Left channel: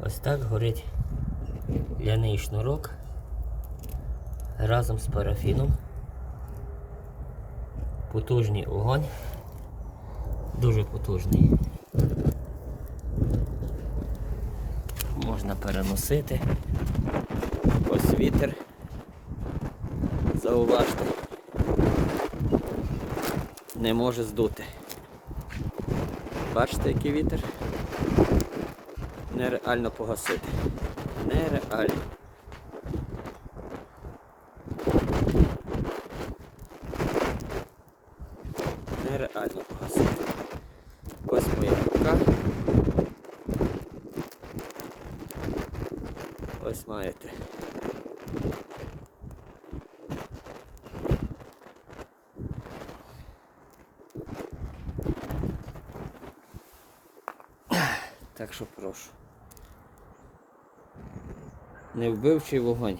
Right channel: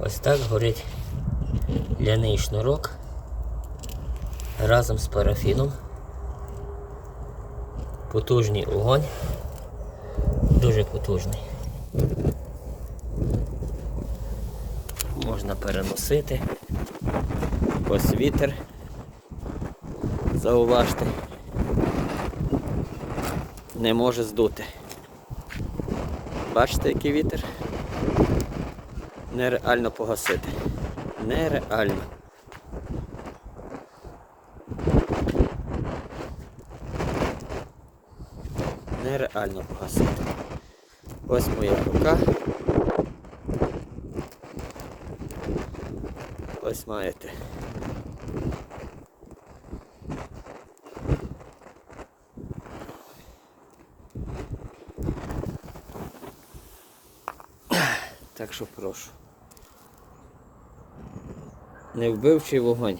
Ось так горить ляний шнурок разом з парафіном. Потужний огонь. Дуже потужний. Можна переносити. Ось вітер. Зауважте. Не може здути. Бачите, який вітер? Нереально погасити. Нереально. Нереально погасити. Ось моя рука. Ось маєте. Так що прошу. Невбивчий вогонь.